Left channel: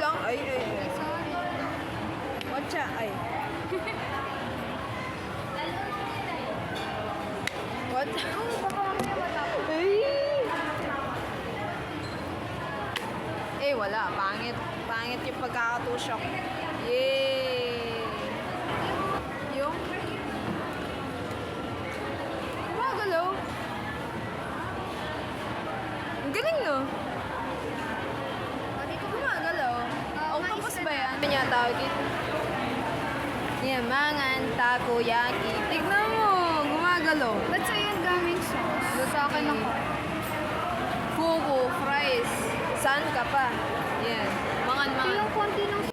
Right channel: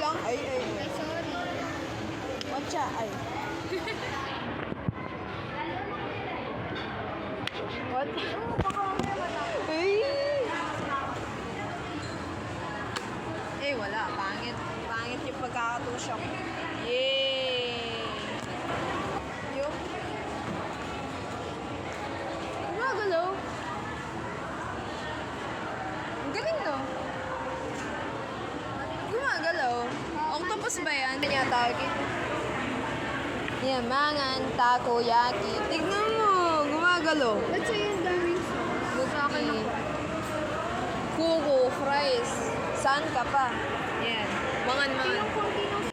lang. Ay. Sorry. Watcha. Ay. What? Oh, baka mamaya matapos. Ay! Eh, wala. Pangit. Pangit yung pagkakatusok. Yay! Yung? Gumagalaw. Ang galing, no? Gumagalaw. Octopus ba yan? Ano niya tawag ito? Yamangan, takoyaki. Tignan mo, gumagalaw. Ba't sa'yo yung daming sauce? Sa akin ako. Fugu, fries. Saan ka pa? Yan. Mga Yung konti ng